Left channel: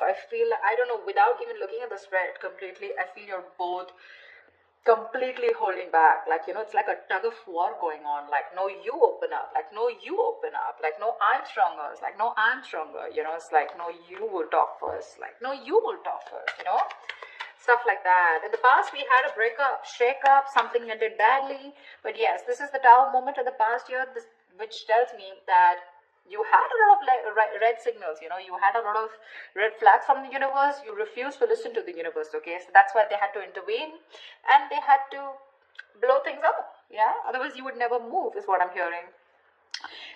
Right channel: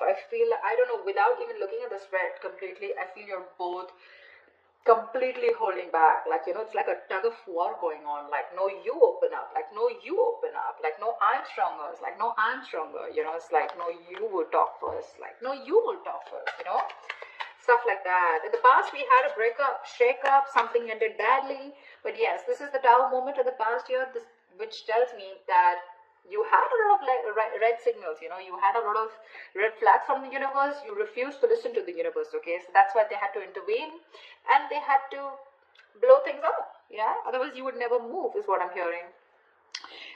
love. I feel, I don't know, without even looking at the spread completely, I feel you're both completely holding back. Like, you know, it's like a tug of war going on. Like, no, you open up. Like, no, you open up. Like, no, I'm stronger. It's like, no, I'm stronger. You know, it's like, no, you will talk first. Like, no, you will talk first, you know? Stuff like that. In the past, we had a breakup, shake up, something ended badly. But yes, this is the Tower moment in the past year, this, which tells me that you had a lot of red signals, you know, you had a lot of red flags from the universe. You refused to listen to the universe, okay? So that's why they had to intervene and they had to blow things up, yeah? Otherwise, you would never move, is what I'm hearing.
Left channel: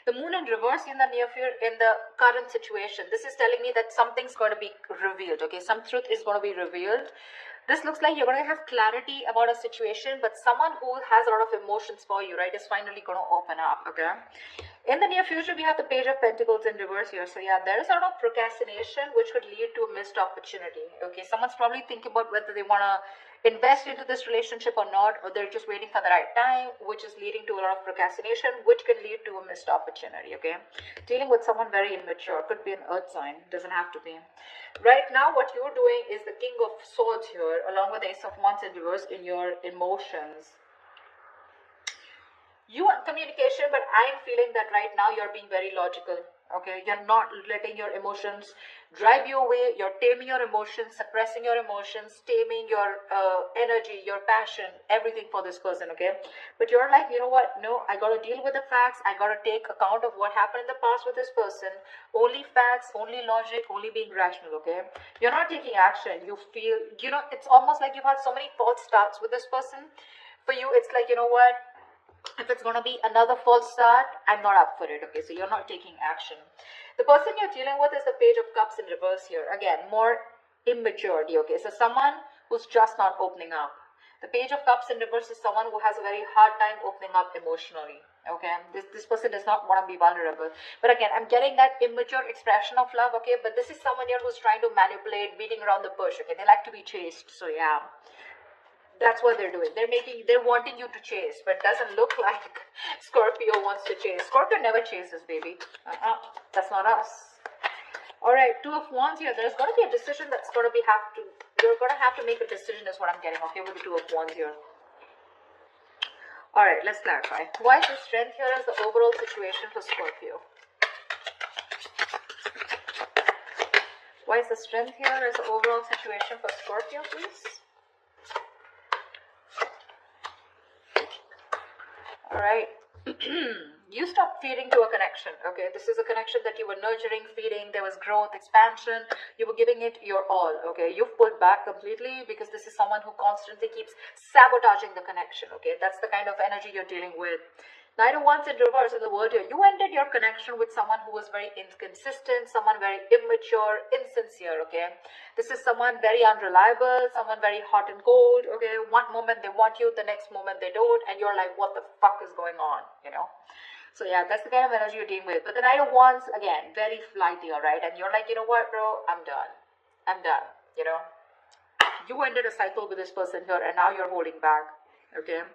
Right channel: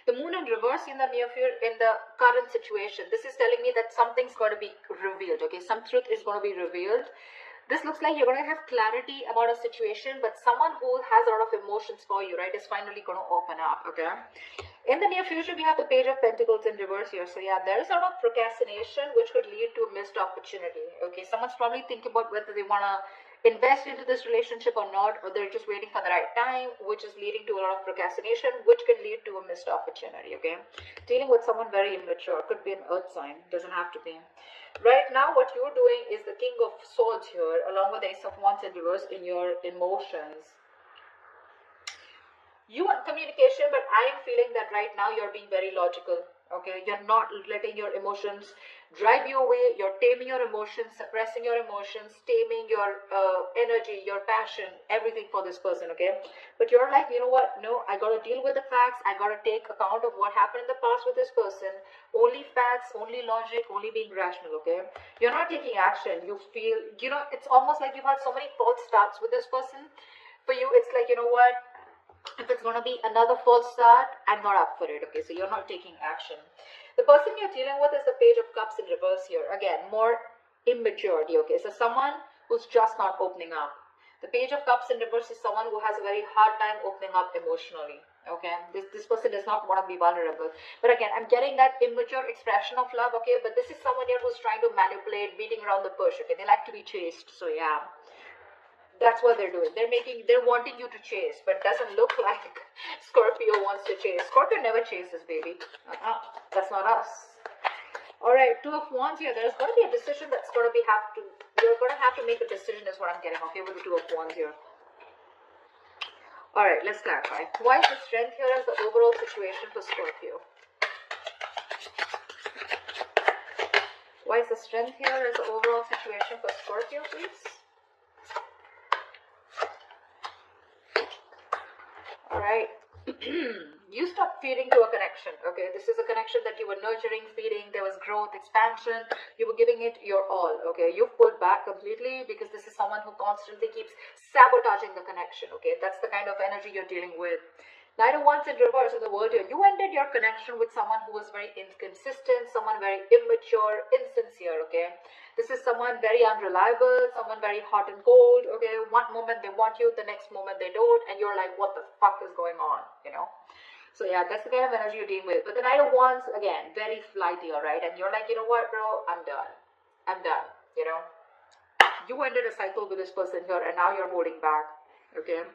The moon in reverse in the near future, in the current situation, this is telling me that something's going to be revealed, okay? Some truth is going to be revealed. This looks like you're going to have clarity about a situation, but someone who has a lot of emotions for you, right, is finally going to open up, okay? In the near future, we have the Page of Pentacles in reverse here. So yeah, there is a lot of procrastination, which could lead to a missed opportunity, okay? Someone's probably thinking about whether they want to invest into this relationship or not, or they're just waiting for the right time, which is leading to a lot of procrastination, which can lead to a missed opportunity, okay? Dealing with someone very immature, could be an earth sign, doesn't have to be. Right now, what you're doing is the King of Swords here, along with the Ace of Wands in reverse in your emotions. You want communication, but I'm feeling that right now you're being very logical, okay? You're not letting your emotions drive you away. You're taming your emotions, suppressing your emotions, taming your energy, your passion, everything for this person, okay? But you're like, you know what? No, I gotta deal with the facts. I gotta take account of what happened in the past with this person. Only facts, only logic, only being rational, okay? You're not taking action. You feel, you know, it's almost like you've had so many false starts with this person. For you, it's like, you know what? If it's going to be another false start, I'm not up for it, okay? So you're not taking action. The person you're dealing with is the Page of Cups in reverse here. Again, more immaturity, okay? So someone who's just not opening up. The Page of Cups in reverse is someone who has a very hard time opening up emotionally, okay? This person does not want to be vulnerable. But again, I'm getting that immature expression of love, okay? But this is someone here who's trying to manipulate, beating around the bush, okay? They like to be chased, so yeah. That's what they're doing. They're wanting you to chase, but it doesn't look like Scorpio wants to chase. Scorpio never chases, baby. That's not us. All right, Two of Wands here. There's going to be a decision that's going to be you're going to have to make a decision is what I'm getting. Okay, with the Two of Wands here. All right, let's clarify. Why is the strength here as the overall situation for Scorpio? Why is the strength here as the overall situation for Scorpio, please? Alright, you stopped feeding to a connection, okay? This is a connection that you were nurturing, feeding, there was growth, expansion, you were giving it your all, okay? You've pulled back completely because this is someone who constantly keeps sabotaging the connection, okay? That's the kind of energy you're dealing with. Knight of Wands in reverse in the world here. You ended your connection with someone who was very inconsistent, someone very immature, insincere, okay? This is someone very unreliable, someone very hot and cold, okay? One moment they want you, the next moment they don't, and you're like, what the fuck is going on, you know? So yeah, that's the kind of energy you're dealing with. But the Knight of Wands, again, very flighty, all right? And you're like, you know what, bro? I'm done. I'm done, you know? You ended a cycle with this person here, and now you're holding back, okay?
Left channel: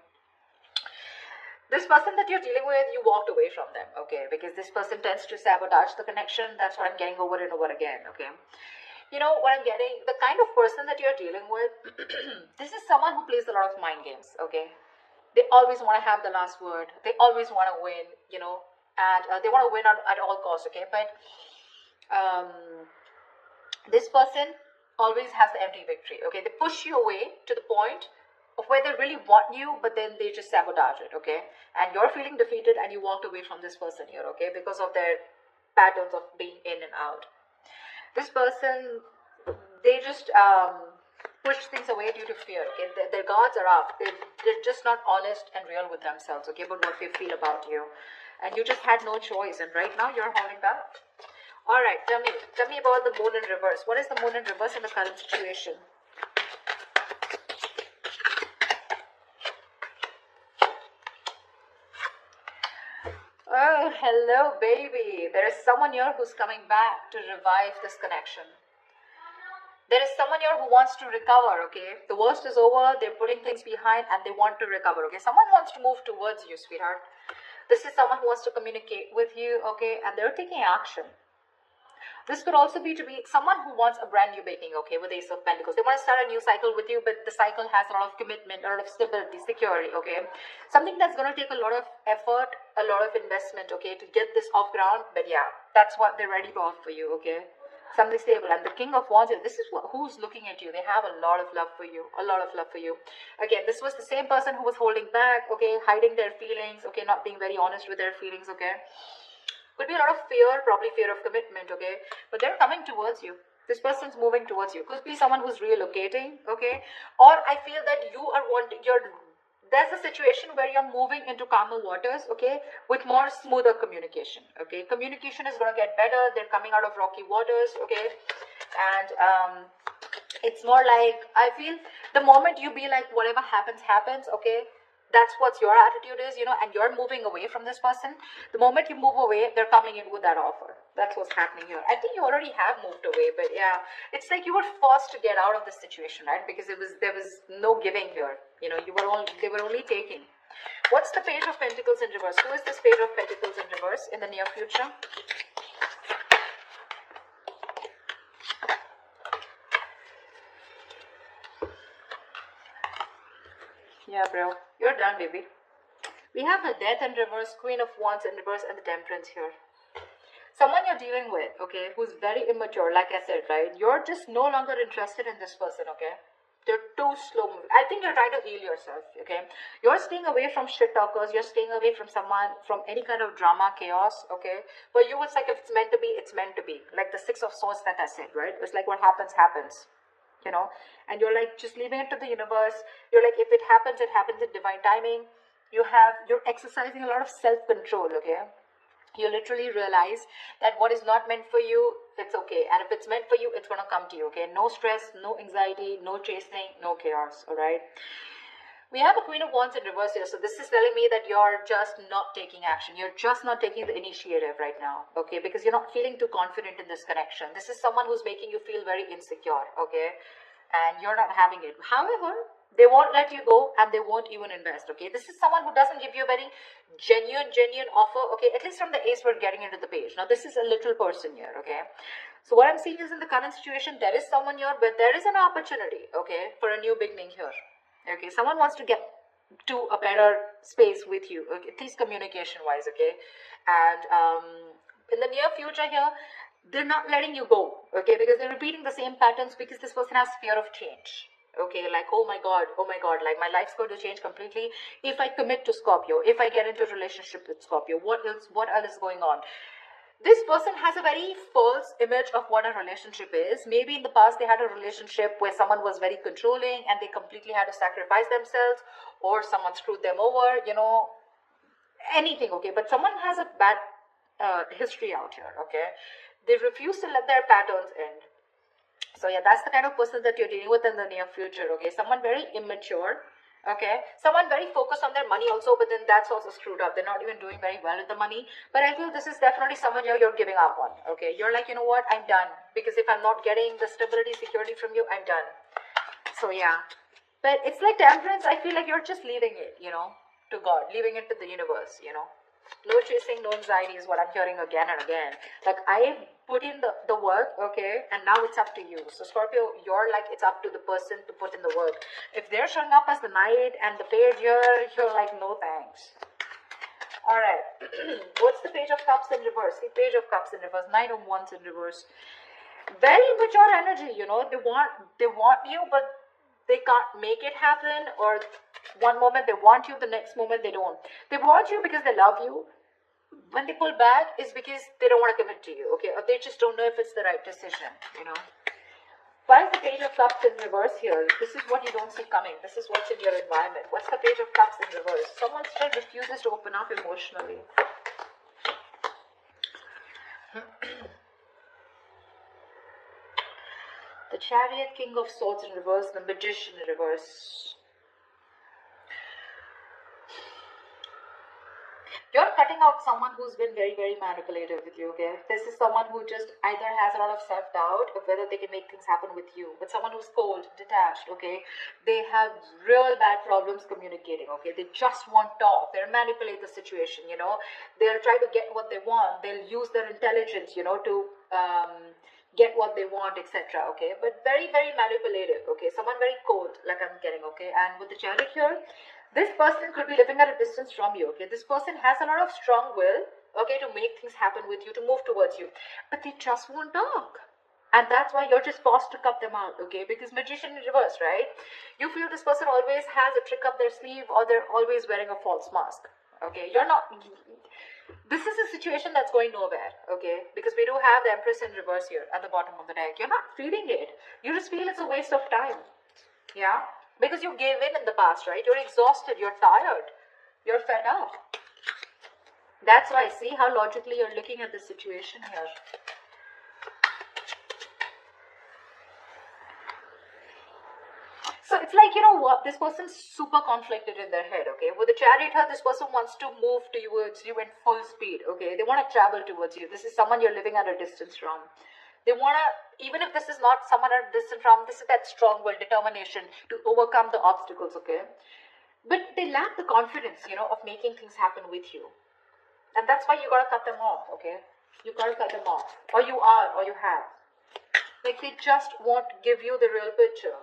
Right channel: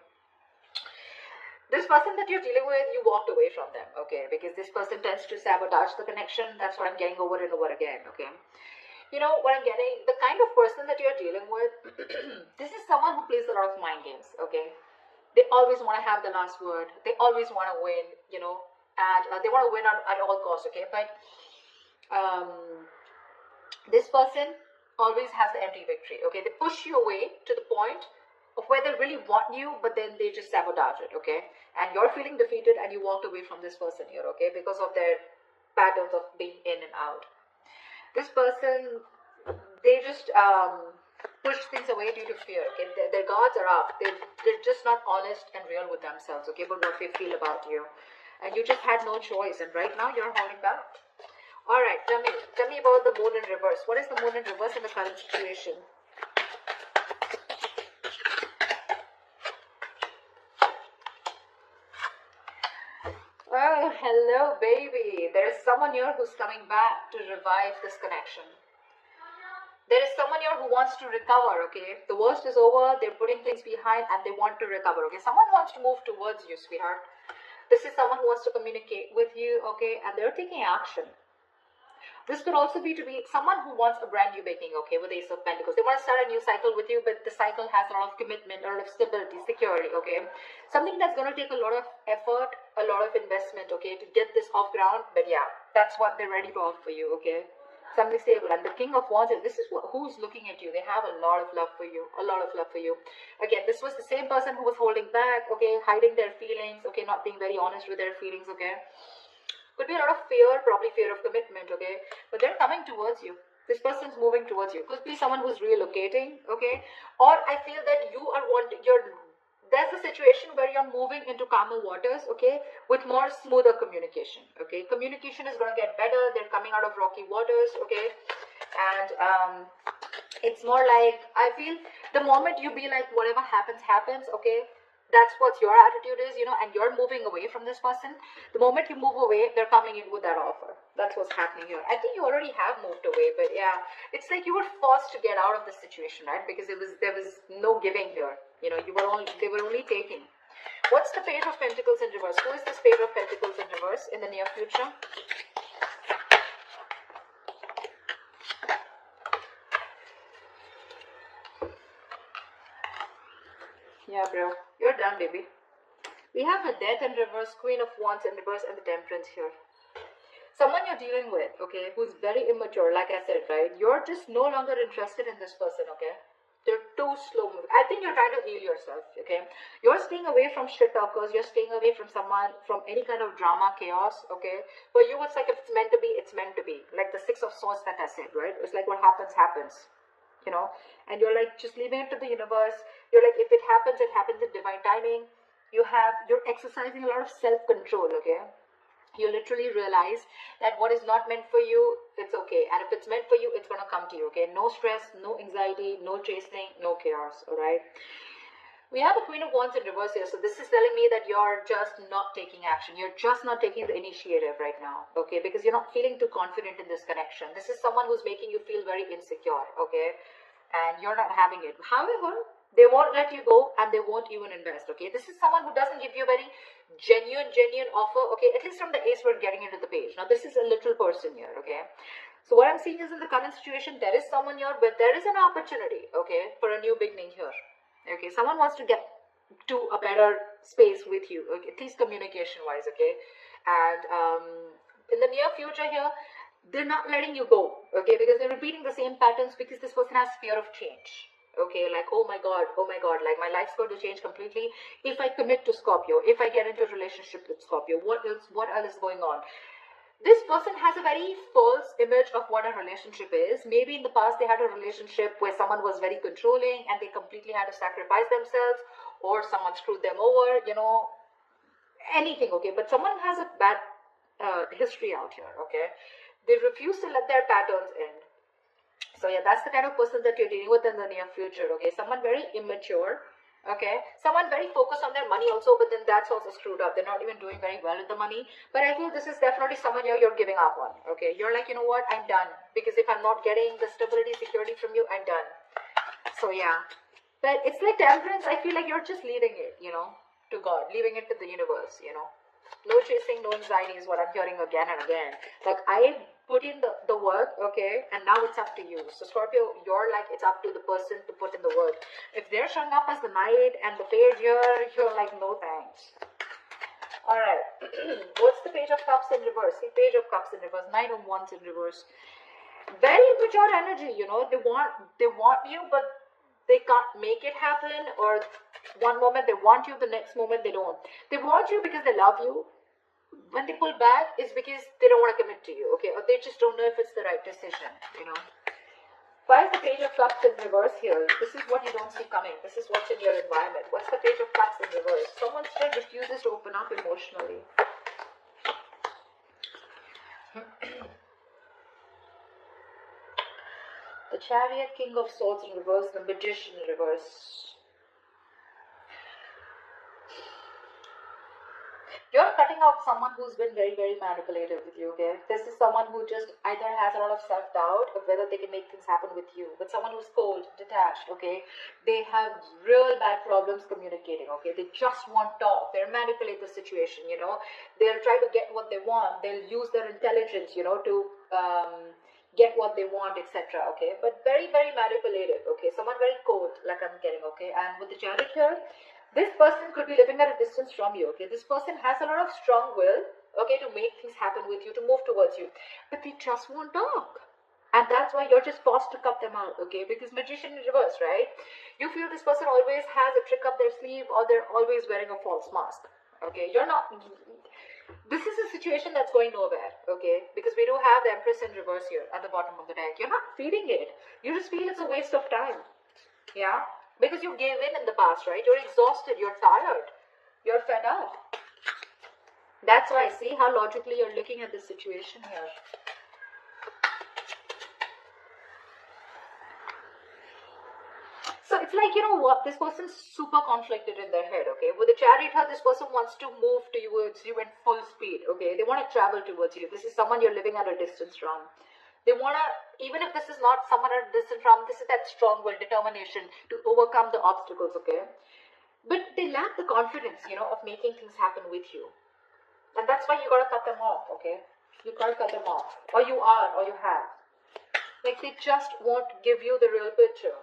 This person that you're dealing with, you walked away from them, okay? Because this person tends to sabotage the connection. That's what I'm getting over and over again, okay? You know what I'm getting? The kind of person that you're dealing with, this is someone who plays a lot of mind games, okay? They always want to have the last word. They always want to win, you know? And they want to win at all costs, okay? But this person always has the empty victory, okay? They push you away to the point of where they really want you, but then they just sabotage it, okay? And you're feeling defeated and you walked away from this person here, okay? Because of their patterns of being in and out. This person, they just push things away due to fear, okay? Their guards are up. They're just not honest and real with themselves, okay? But what they feel about you. And you just had no choice. And right now you're holding back. All right, tell me about the moon in reverse. What is the moon in reverse in the current situation? Oh, hello, baby. There's someone here who's coming back to revive this connection. There is someone here who wants to recover, okay? The worst is over. They're putting things behind and they want to recover, okay? Someone wants to move towards you, sweetheart. This is someone who wants to communicate with you, okay? And they're taking action. This could also be to be someone who wants a brand new beginning, okay, with Ace of Pentacles. They want to start a new cycle with you, but the cycle has a lot of commitment, a lot of stability, security, okay. Something that's going to take a lot of effort, a lot of investment, okay, to get this off ground. But yeah, that's what they're ready to offer you, okay. Something stable. And the King of Wands, this is who's looking at you. They have a lot of love for you, a lot of love for you. Again, this was the same person who was holding back, okay, hiding their feelings, okay, not being very honest with their feelings, okay. Could be a lot of fear, probably fear of commitment, okay? But they're coming towards you. This person's moving towards you. Could be someone who's relocating, okay? Or I feel that you are there's a situation where you're moving into calmer waters, okay? With more smoother communication, okay? Communication is going to get better. They're coming out of rocky waters, okay? And it's more like, I feel the moment you be like, whatever happens, happens, okay? That's what your attitude is, and you're moving away from this person. The moment you move away, they're coming in with that offer. That's what's happening here. I think you already have moved away, but yeah, it's like you were forced to get out of this situation, right? Because there was no giving here. They were only taking. What's the Page of Pentacles in reverse? Who is this Page of Pentacles in reverse in the near future? Yeah, bro. You're done, baby. We have the Death in reverse, Queen of Wands in reverse, and the Temperance here. Someone you're dealing with, okay, who's very immature, like I said, right? You're just no longer interested in this person, okay? They're too slow moving. I think you're trying to heal yourself, okay? You're staying away from shit talkers. You're staying away from someone, from any kind of drama, chaos, okay? But you, it's like if it's meant to be, it's meant to be. Like the Six of Swords that I said, right? It's like what happens, happens. And you're like just leaving it to the universe. You're like, if it happens in divine timing. You're exercising a lot of self-control, okay? You literally realize that what is not meant for you, it's okay. And if it's meant for you, it's gonna come to you, okay? No stress, no anxiety, no chasing, no chaos, all right? We have a Queen of Wands in reverse here. So this is telling me that you're just not taking action. You're just not taking the initiative right now, okay? Because you're not feeling too confident in this connection. This is someone who's making you feel very insecure, okay? And you're not having it. However, they won't let you go and they won't even invest, okay? This is someone who doesn't give you a very genuine offer, okay? At least from the Ace, we're getting into the Page. Now, this is a literal person here, okay? So what I'm seeing is in the current situation, there is someone here, but there is an opportunity, okay, for a new beginning here. Okay, someone wants to get to a better space with you, okay, at least communication wise, okay? And in the near future here, they're not letting you go, okay, because they're repeating the same patterns because this person has fear of change, okay? Like, oh my god, like my life's going to change completely if I commit to Scorpio, if I get into a relationship with Scorpio. What else is going on? This person has a very false image of what a relationship is. Maybe in the past they had a relationship where someone was very controlling and they completely had to sacrifice themselves, or someone screwed them over, anything, okay? But someone has a bad history out here, okay? They refuse to let their patterns end. So yeah, that's the kind of person that you're dealing with in the near future, okay? Someone very immature, okay? Someone very focused on their money also, but then that's also screwed up. They're not even doing very well with the money. But I feel this is definitely someone you're giving up on, okay? You're like, you know what, I'm done. Because if I'm not getting the stability, security from you, I'm done. So yeah. But it's like Temperance, I feel like you're just leaving it, to God. Leaving it to the universe, No chasing, no anxiety is what I'm hearing again and again. Like, I put in the work, okay, and now it's up to you. So Scorpio, you're like, it's up to the person to put in the work. If they're showing up as the Knight and the Page here, you're like, no thanks. Alright. What's the Page of Cups in reverse? The Page of Cups in reverse, Knight of Wands in reverse. Very mature energy, They want you, but they can't make it happen. Or one moment they want you, the next moment they don't. They want you because they love you. When they pull back, is because they don't want to commit to you, okay? Or they just don't know if it's the right decision, Why is the Page of Cups in reverse here? This is what you don't see coming. This is what's in your environment. What's the Page of Cups in reverse? Someone still refuses to open up emotionally. The Chariot, King of Swords in reverse, the Magician in reverse. You're cutting out someone who's been very, very manipulative with you, okay? This is someone who just either has a lot of self-doubt of whether they can make things happen with you. But someone who's cold, detached, okay? They have real bad problems communicating, okay? They just want talk. They'll manipulate the situation, They'll try to get what they want. They'll use their intelligence, to get what they want, etc. Okay, but very, very manipulative. Okay, someone very cold, like I'm getting. Okay, and with the Chariot here, this person could be living at a distance from you. Okay, this person has a lot of strong will. Okay, to make things happen with you, to move towards you, but they just won't talk. And that's why you're just forced to cut them out, okay? Because magician in reverse, right? You feel this person always has a trick up their sleeve, or they're always wearing a false mask, okay? You're not. This is a situation that's going nowhere, okay? Because we do have the Empress in reverse here at the bottom of the deck. You're not feeling it. You just feel it's a waste of time, yeah? Because you gave in the past, right? You're exhausted. You're tired. You're fed up. That's why I see how logically you're looking at the situation here. So it's like, you know what, this person's super conflicted in their head, okay? With the Chariot, this person wants to move towards you in full speed, okay? They want to travel towards you. This is someone you're living at a distance from. They want to, even if this is not someone at a distance from, this is that strong will, determination to overcome the obstacles, okay? But they lack the confidence, you know, of making things happen with you. And that's why you got to cut them off, okay? You got to cut them off. Or you are, or you have. Like, they just won't give you the real picture.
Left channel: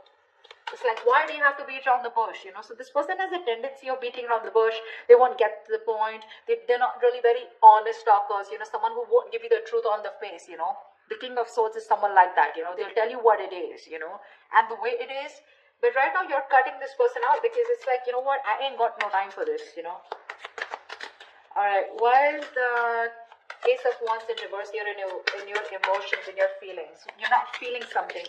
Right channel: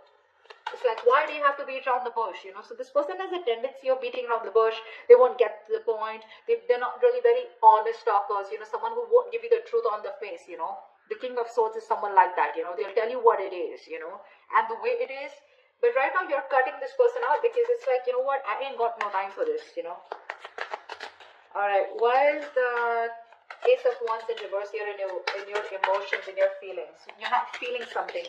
It's like, why do you have to beat around the bush, you know? So this person has a tendency of beating around the bush. They won't get to the point. They're not really very honest talkers, you know, someone who won't give you the truth on the face, you know. The King of Swords is someone like that, you know. They'll tell you what it is, you know, and the way it is. But right now you're cutting this person out because it's like, you know what, I ain't got no time for this, you know. Alright, why is the Ace of Wands in reverse here in your emotions, in your feelings? You're not feeling something.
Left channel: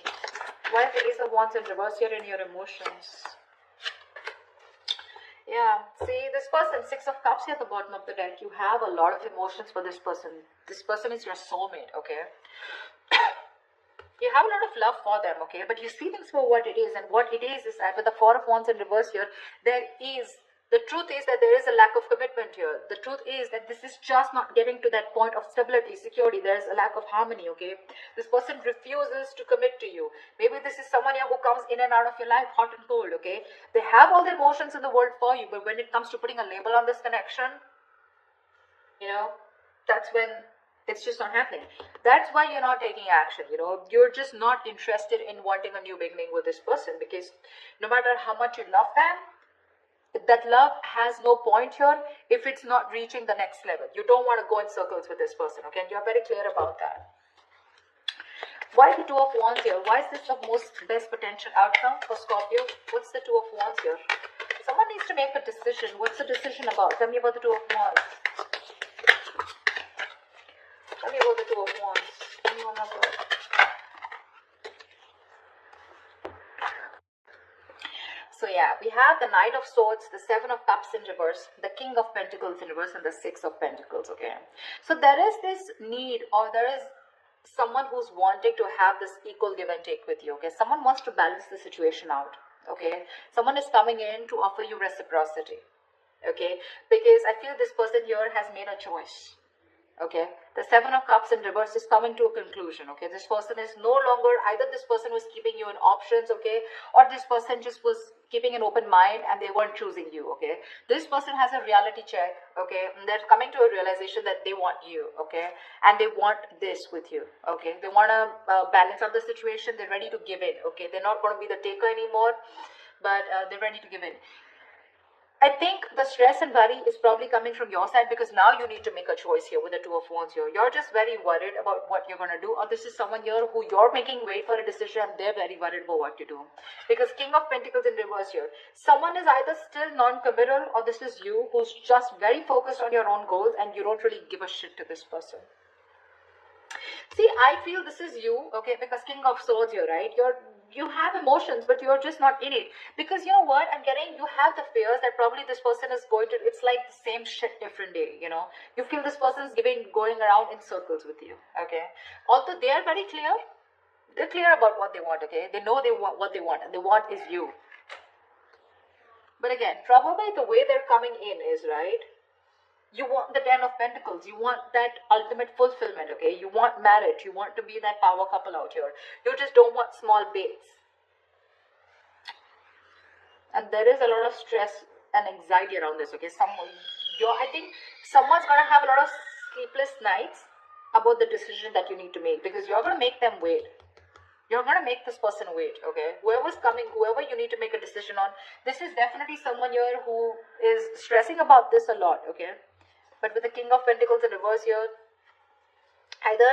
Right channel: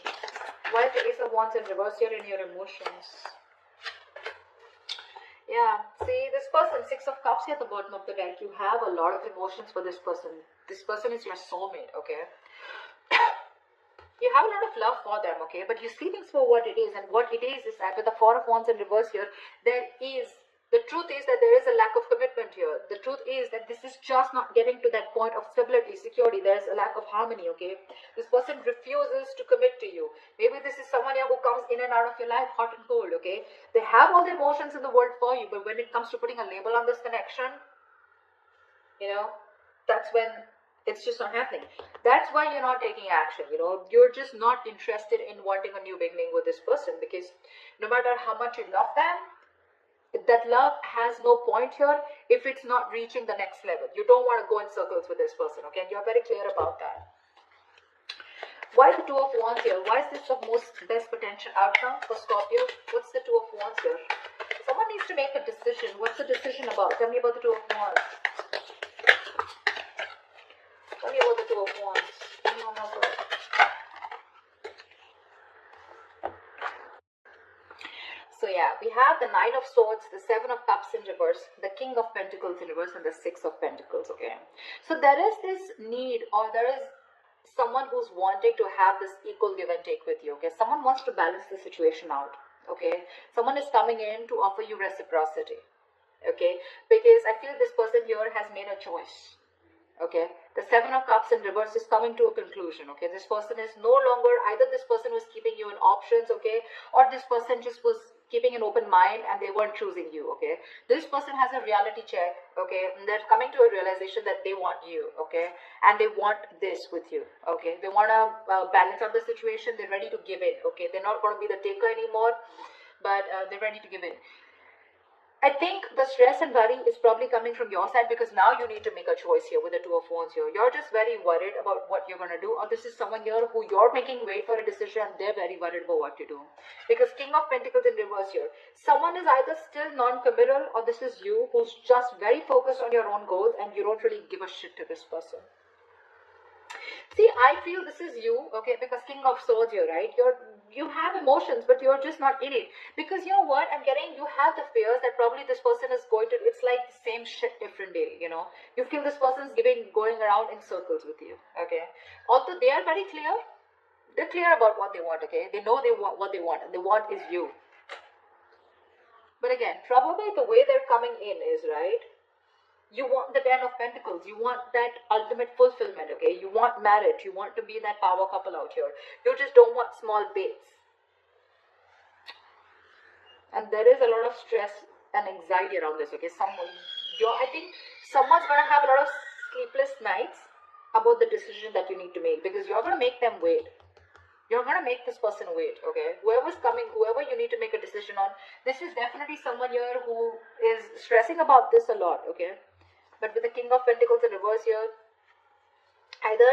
Why is the Ace of Wands in reverse here in your emotions? Yeah, see, this person, Six of Cups here at the bottom of the deck, you have a lot of emotions for this person. This person is your soulmate, okay? You have a lot of love for them, okay? But you see things for what it is, and what it is that with the Four of Wands in reverse here, the truth is that there is a lack of commitment here. The truth is that this is just not getting to that point of stability, security. There is a lack of harmony, okay? This person refuses to commit to you. Maybe this is someone here who comes in and out of your life hot and cold, okay? They have all the emotions in the world for you, but when it comes to putting a label on this connection, you know, that's when it's just not happening. That's why you're not taking action, you know. You're just not interested in wanting a new beginning with this person, because no matter how much you love them, that love has no point here if it's not reaching the next level. You don't want to go in circles with this person, okay? You're very clear about that. Why the Two of Wands here? Why is this the most best potential outcome for Scorpio? What's the Two of Wands here? Someone needs to make a decision. What's the decision about? Tell me about the Two of Wands. Tell me about the Two of Wands. Tell me what happened. So yeah, we have the Nine of Swords, the Seven of Cups in reverse, the King of Pentacles in reverse, and the Six of Pentacles, okay? So there is this need, or there is someone who's wanting to have this equal give and take with you, okay? Someone wants to balance the situation out, okay? Someone is coming in to offer you reciprocity, okay? Because I feel this person here has made a choice. Okay, the Seven of Cups in reverse is coming to a conclusion. Okay, this person is no longer, either this person was keeping you in options, okay, or this person just was keeping an open mind and they weren't choosing you. Okay, this person has a reality check. Okay, and they're coming to a realization that they want you. Okay, and they want this with you. Okay, they want to balance out the situation. They're ready to give in. Okay, they're not going to be the taker anymore, but they're ready to give in. I think the stress and worry is probably coming from your side, because now you need to make a choice here with the Two of Wands here. You're just very worried about what you're going to do, or this is someone here who you're making wait for a decision and they're very worried about what to do. Because King of Pentacles in reverse here. Someone is either still non-committal, or this is you who's just very focused on your own goals and you don't really give a shit to this person. See, I feel this is you, okay, because King of Swords here, right? You have emotions, but you're just not in it. Because you know what, I'm getting, you have the fears that probably this person is going to, it's like the same shit different day, you know. You feel this person's going around in circles with you, okay. Although they are very clear, they're clear about what they want, okay. They know what they want, and they want is you. But again, probably the way they're coming in is, right, you want the Ten of Pentacles. You want that ultimate fulfillment, okay? You want marriage. You want to be that power couple out here. You just don't want small bits. And there is a lot of stress and anxiety around this, okay? I think someone's going to have a lot of sleepless nights, about the decision that you need to make, because you're going to make them wait. You're going to make this person wait, okay? Whoever's coming, whoever you need to make a decision on, this is definitely someone here who is stressing about this a lot, okay? But with the King of Pentacles in reverse here, either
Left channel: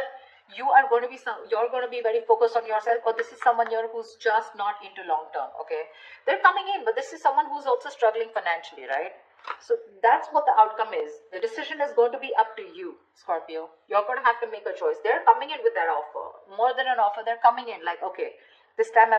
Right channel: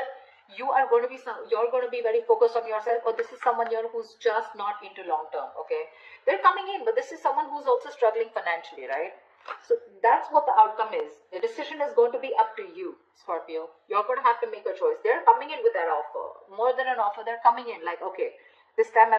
you're going to be very focused on yourself, or this is someone here who's just not into long term, okay? They're coming in, but this is someone who's also struggling financially, right? So that's what the outcome is. The decision is going to be up to you, Scorpio. You're going to have to make a choice. They're coming in with that offer. More than an offer, they're coming in like, okay, this time